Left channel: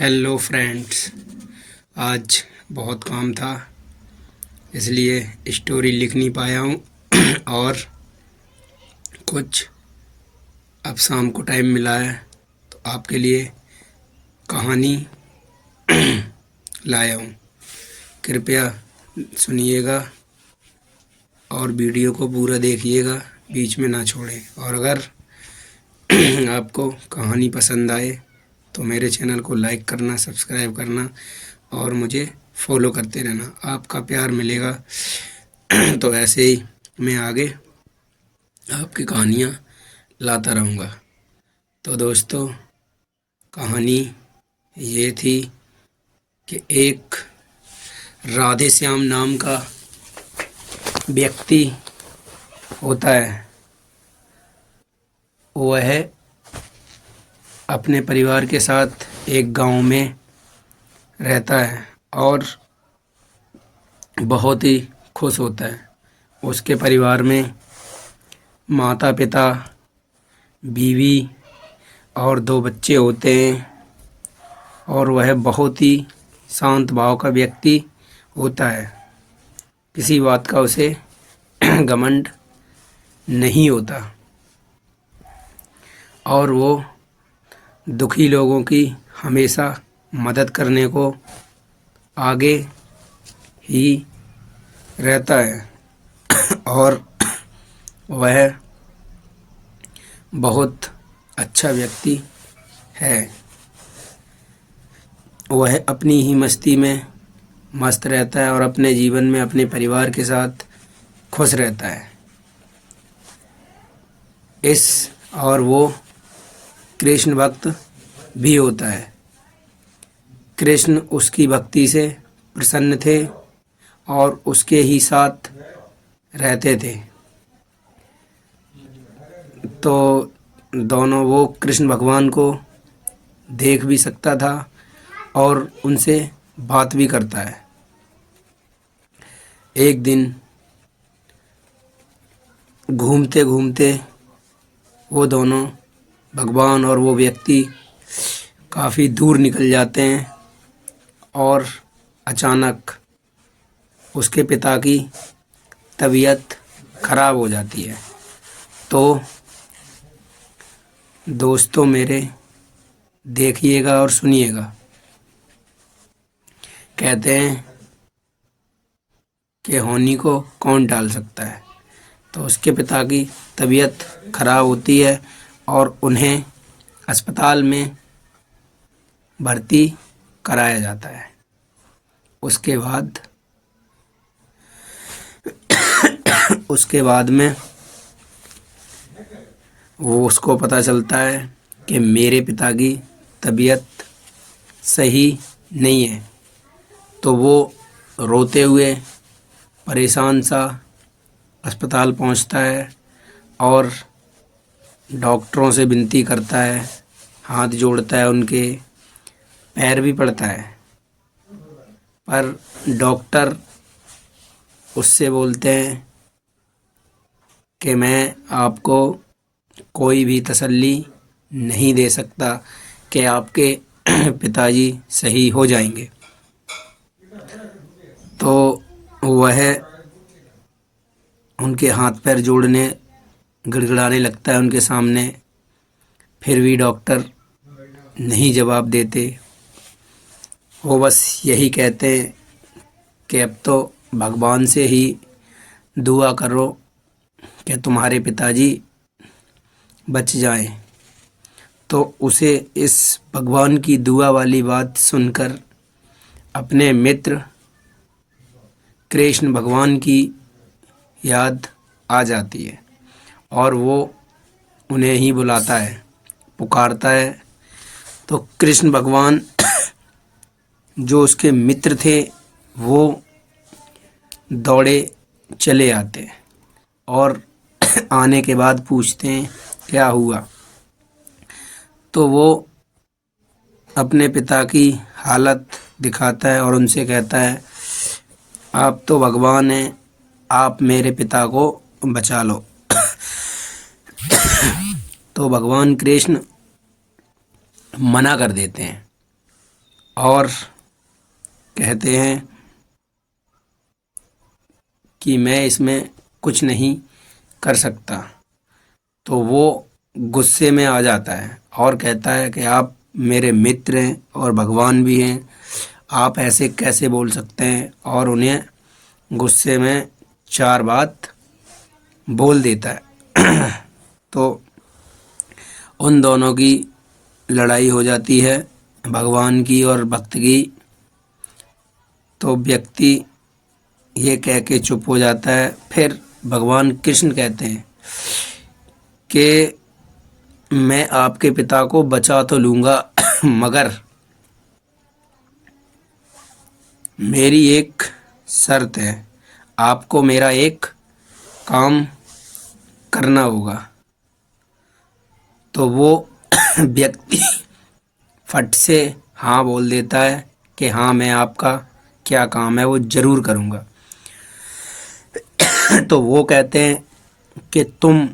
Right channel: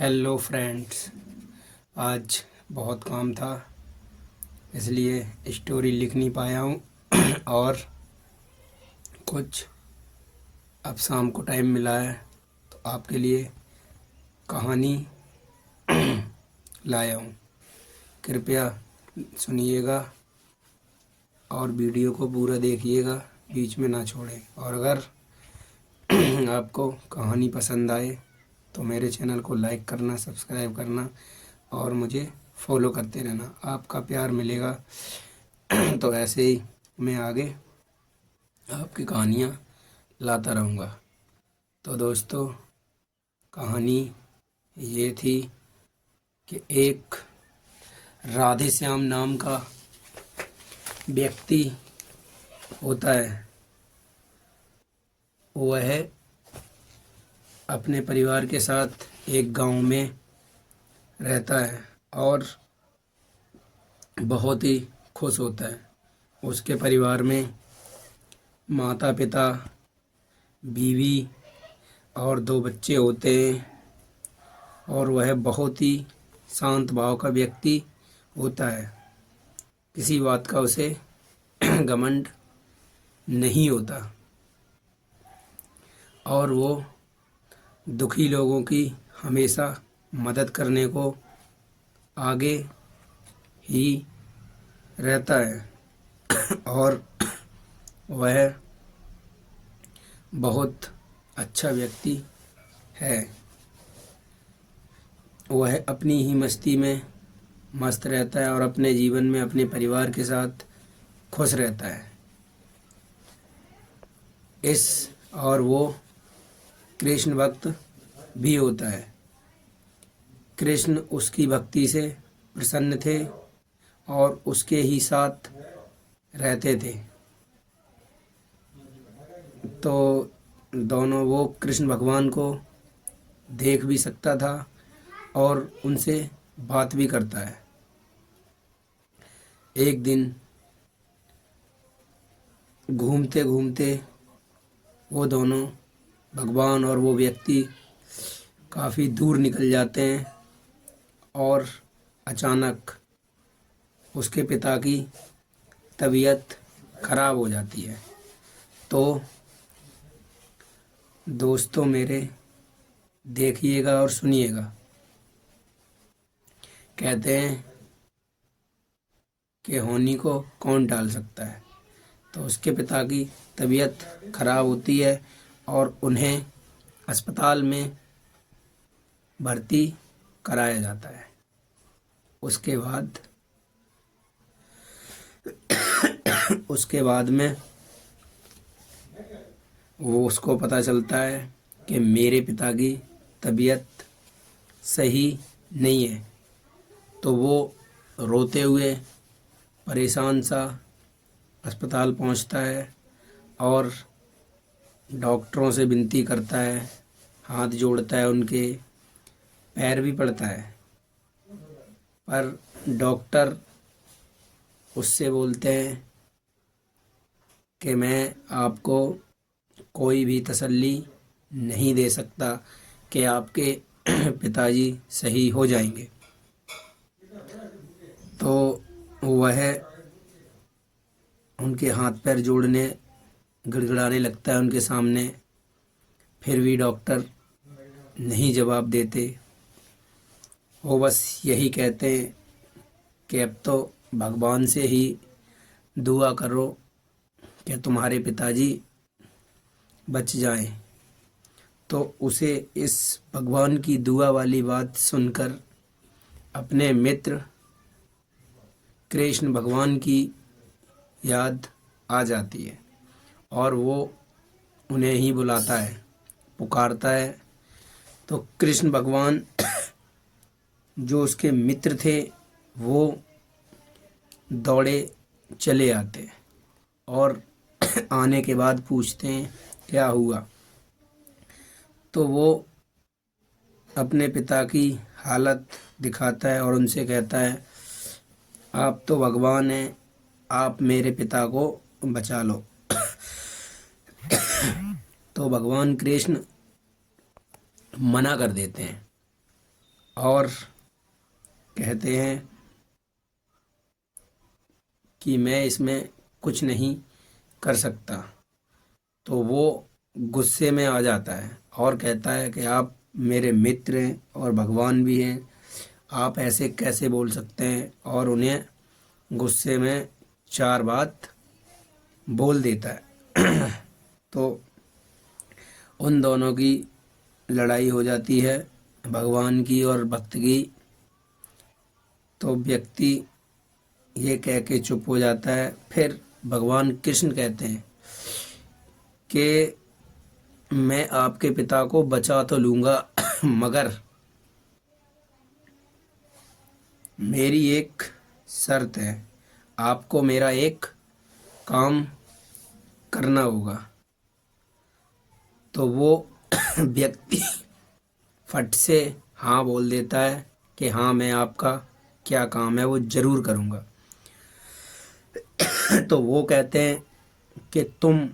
Hello friends. आज बहुत काम था इसलिए स्टोरी लिख नहीं पाया हूँ और कुछ अब शाम को टाइम मिला है तो आपके लिए कहानी लाया हूँ। कृपया सुनिएगा और वीडियो को पूरा देखिएगा, बीच में ना छोड़ें। और अगर आपको कहानी पसंद आए तो मेरे चैनल को लाइक करना, सब्सक्राइब करना और मुझे फॉलो करते रहना। आपका प्यार मिलेगा तो ऐसे ही मैं आगे आपकी कहानियाँ लाता रहूँगा। तो दोस्तों, कहानी ये थी कि एक राधे श्याम नाम का व्यक्ति होता है। वह अपने परिवार के साथ एक गांव में रहता है और बहुत ही खुश होता है। उसके परिवार में माता पिता, बीवी और 2 बच्चे होते हैं और वह बहुत ही शांत भाव का व्यक्ति होता है। किसी बात का उसे घमंड नहीं होता और वो दुखी लोगों की हमेशा मदद करने को आगे ही रहता है और वह बहुत अच्छा व्यक्ति है। वह अपनी ही मस्ती में मस्त रहता है और अपने जीवन में अपने परिवार के साथ खुश रहता है। और वो कृष्ण भक्त भी होता है। कृष्ण उसकी भक्ति से प्रसन्न थे और उसके ही साथ रहते थे। तो दोनों, वो कृष्ण भगवान को देख भी सकता था और उनसे बात भी करता है। एक दिन घूमते घूमते वो दोनों, भगवान और वो व्यक्ति, काफ़ी दूर निकल जाते हैं और अचानक उसके पिता की तबीयत खराब हो जाती है। तो दोस्तों मेरे, देखिएगा और सुनिएगा। कहते हैं कि होनी को कौन टाल सकता है। तो उसके पिता की तबीयत खराब होती है और उन्हें अस्पताल में भर्ती कराया जाता है। उसके बाद में वो, उसको पता चलता है कि मेरे पिता की तबीयत सही नहीं है। तो वो रोते हुए, परेशान सा अस्पताल पहुंचता है और डॉक्टरों से विनती करता है, हाथ जोड़ता है, उनके पैर भी पड़ता है। पर डॉक्टर उससे बोलते हैं कि मैं आपको कोई भी तसल्ली नहीं दे सकता कि आपके पिताजी सही हो जाएंगे। तो वह उनके हाथ पैर जोड़ने, गिड़गिड़ाने लगता है उनके सामने। फिर भी डॉक्टर नहीं जवाब देते। वो बस यही कहते कि अब तो भगवान से ही दुआ करो कि तुम्हारे पिताजी बच जाएं। तो उसे इस भगवान की दुआ वाली बात सुनकर अपने मित्र कृष्ण भगवान की याद आ जाती है और वो उन्हें ही बुलाता है, पुकारता है। तो कृष्ण भगवान जो उसके मित्र थे वो दौड़े चले आते हैं और आने के बाद पूछते हैं क्या हुआ। तो वो अपने पिता की हालत दिखाता है और उनसे कहता है, आप तो भगवान हैं, आप मेरे पिता को बचा लो। तो भगवान कृष्ण मना कर देते हैं और कहते हैं कि मैं इसमें कुछ नहीं कर सकता। तो वो गुस्से में आ जाता है और कहता है कि आप मेरे मित्र हैं और भगवान भी हैं, आप ऐसे कैसे बोल सकते हैं, और उन्हें गुस्से में चार बात बोल देता है। तो उन दोनों की लड़ाई हो जाती है, भगवान की और भक्त की। तो व्यक्ति ये कह के चुप हो जाता है। फिर भगवान कृष्ण कहते हैं कि मैं आपके पिता को बचा तो लूँगा मगर मेरी एक शर्त है, आपको मेरा एक काम करना होगा। तो वो व्यक्ति फट से हाँ बोल देता है कि हाँ, मैं आपका क्या काम है वो ज़रूर करूँगा। तो वो कहते हैं कि तुम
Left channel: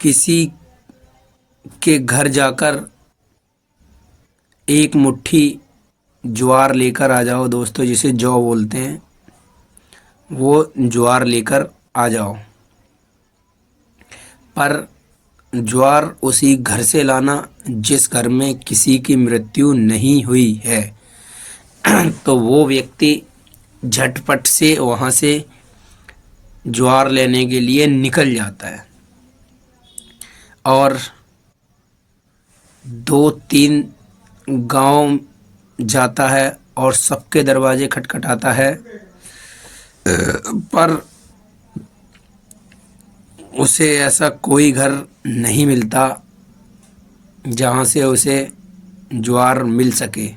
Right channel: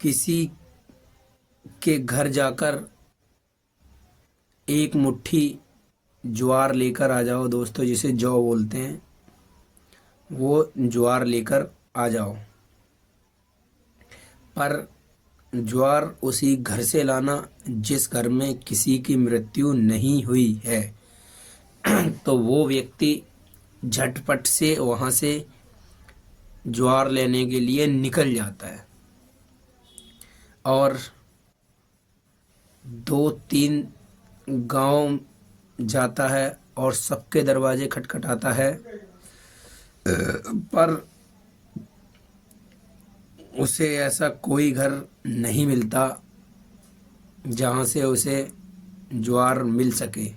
किसी के घर जाकर एक मुट्ठी ज्वार लेकर आ जाओ। दोस्तों, जिसे जौ बोलते हैं, वो ज्वार लेकर आ जाओ, पर ज्वार उसी घर से लाना जिस घर में किसी की मृत्यु नहीं हुई है। तो वो व्यक्ति झटपट से वहाँ से ज्वार लेने के लिए निकल जाता है और दो तीन गांव जाता है और सबके दरवाजे खटखटाता है, पर उसे ऐसा कोई घर नहीं मिलता जहाँ से उसे ज्वार मिल सके।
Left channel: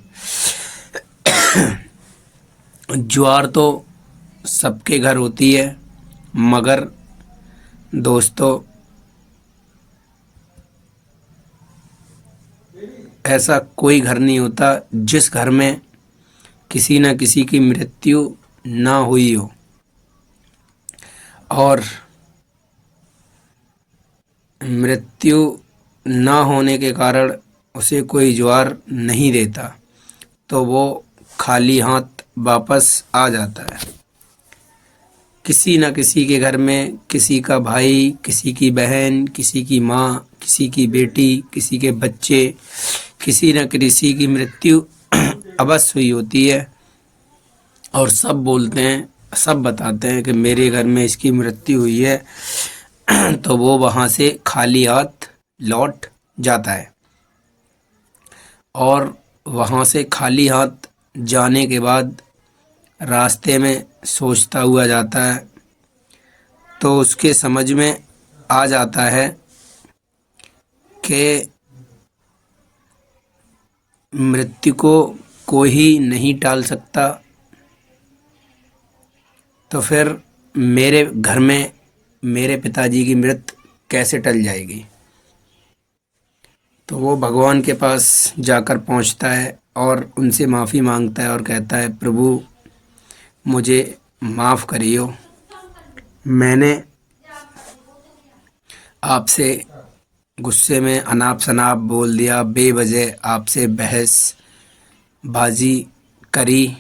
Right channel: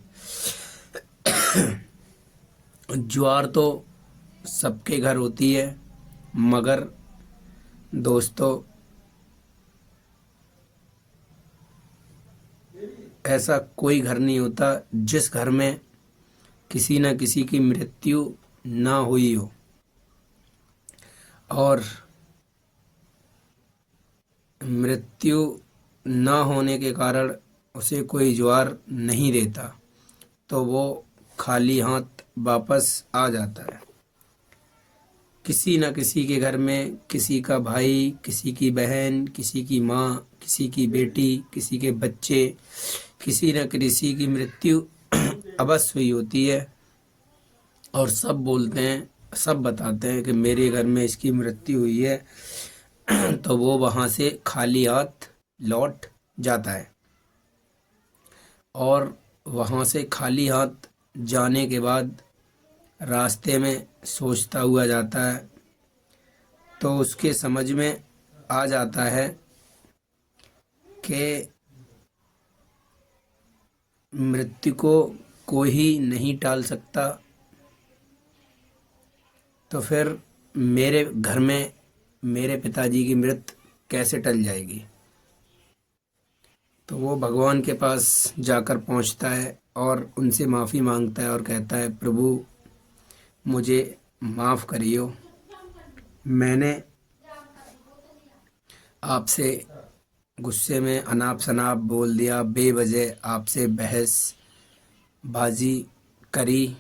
ज्वार तो सबके घर होती है, मगर दोस्तों ऐसा कोई घर नहीं होता जिस घर में किसी न किसी की मृत्यु ना हुई हो। और मृत्यु ना होने के कारण उसे कोई ज्वार नहीं देता, तो वो खाली हाथ वापस आ जाता है। किसी न किसी के घर में किसी का भाई, किसी की बहन, किसी की माँ, किसी की बेटी, किसी के बच्चे, किसी न किसी की मृत्यु अवश्य हुई होती है और सब बोलते हैं, सब बताते हैं कि मेरे घर में इसकी मृत्यु हुई है। तो वो वहाँ से खाली हाथ लौट जाता है और वहाँ से खाली हाथ जाने के बाद रास्ते में सोचता हुआ जाता है। तो उसके समझ में आ जाता है कि मृत्यु को कोई नहीं टाल सकता, तो फिर मेरे घर में मेरे पिताजी की मृत्यु कैसे टल जाएगी। तो वो भगवान के पास जाकर पहुंचता है और उनसे माफ़ी मांगता है और कहता है, प्रभु मुझे माफ़ करियो, मैंने आपसे गुस्से में अनाप शनाप बोल दिया, बेवजह आपसे बहस बाजी करी।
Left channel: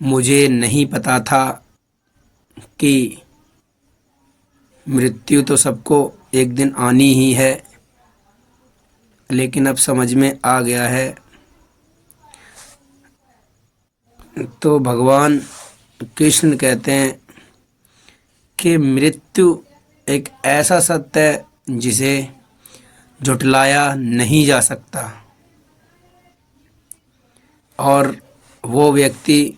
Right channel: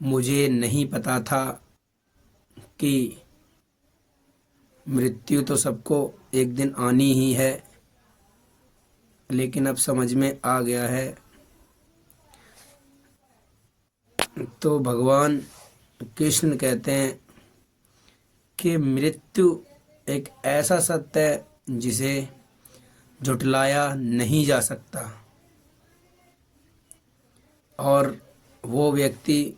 मुझे नहीं पता था कि मृत्यु तो सबको एक दिन आनी ही है, लेकिन अब समझ में आ गया है। तो भगवान कृष्ण कहते हैं कि मृत्यु एक ऐसा सत्य है जिसे झुटलाया नहीं जा सकता, और वो व्यक्ति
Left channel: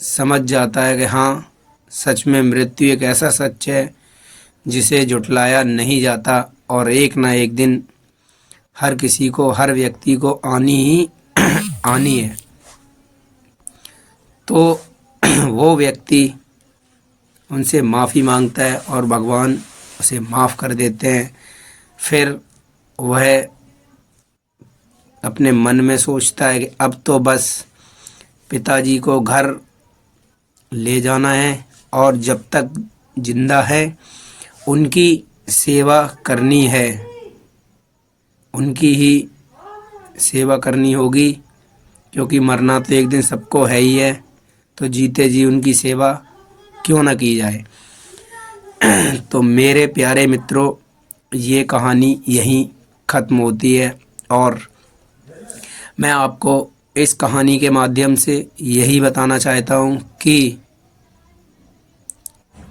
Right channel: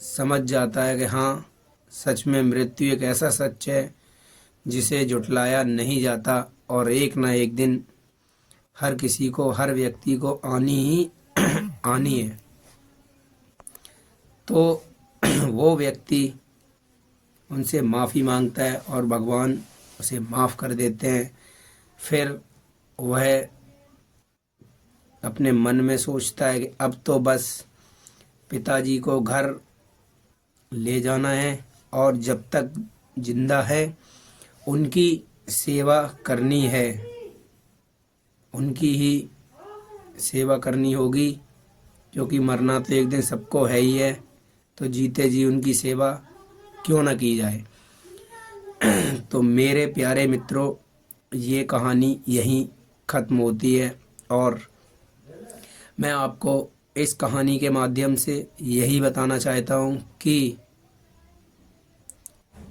समझ जाता है कि हाँ, सच में मृत्यु एक ऐसा सच है जिसे झुटलाया नहीं जाता और एक ना एक दिन हर किसी को, हर व्यक्ति को आनी ही आनी है। तो वो व्यक्ति उनसे माफ़ी मांगता है और भगवान उसे माफ़ कर देते हैं। फिर वह अपने मन में सोचता है कि अब तो बस पिताजी को घर ले जाना है और जब तक जिंदा है उनकी सेवा करनी है, उनकी ही सेवा करनी होगी, क्योंकि मरना तो एक दिन सबको है ही है, तो जीते जी उनकी सेवा क्यों ना की जाए। तो मेरे प्यारे मित्रों, ये कहानी यहीं ख़त्म होती है और मैं आपको इस कहानी के माध्यम से यही बताना चाहता हूँ कि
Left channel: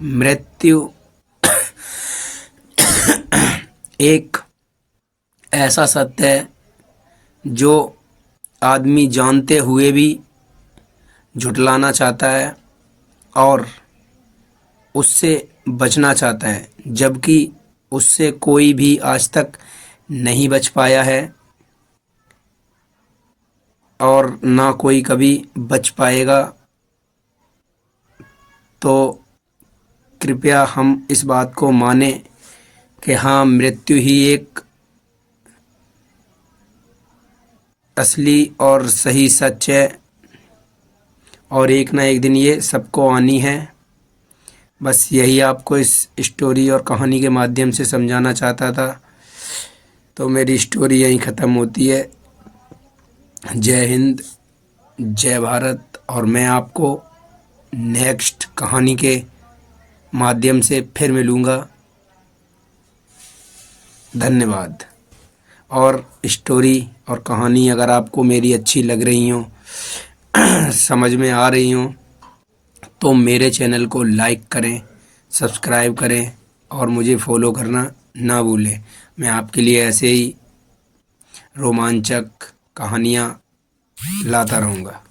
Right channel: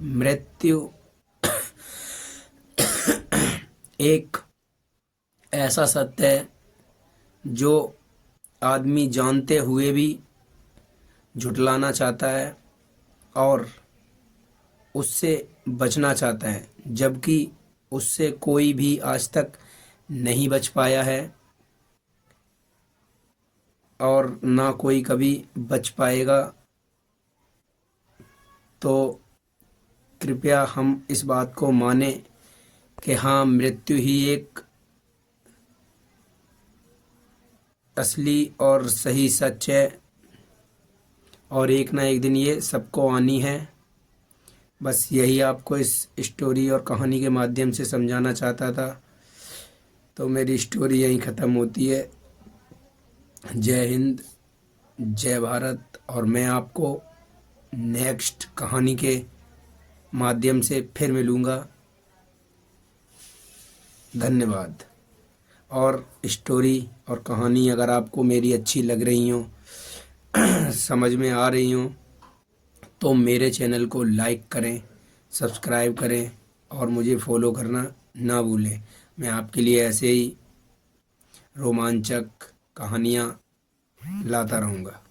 मृत्यु एक ऐसा सत्य है जो आदमी जानते हुए भी झुठलाना चाहता है और उससे बचना चाहता है, जबकि उससे कोई भी आज तक नहीं बच पाया है और ना कोई कभी बच पाएगा। तो कृपया हम इस बात को माने कि हाँ, मृत्यु ही एक असली और सही सच है और एक ना एक दिन ये सबको आनी है। बस यही आपको इस स्टोरी और कहानी के माध्यम से समझाना चाहता था। तो मेरी स्टोरी यहीं ख़त्म होती है। जय हिंद, जय भारत। और मैं आपको नेक्स्ट कहानी के माध्यम से फिर मिलूँगा। धन्यवाद। और स्टोरी और कहानी अगर आपको मेरी अच्छी लग रही हो, समझ में आ रही हो, तो मेरे चैनल को लाइक करें, सब्सक्राइब करें और मुझे फॉलो करना ना भूलें। मैं आपके लिए ऐसे ही रोमांचक कहानियाँ लाता रहूँगा।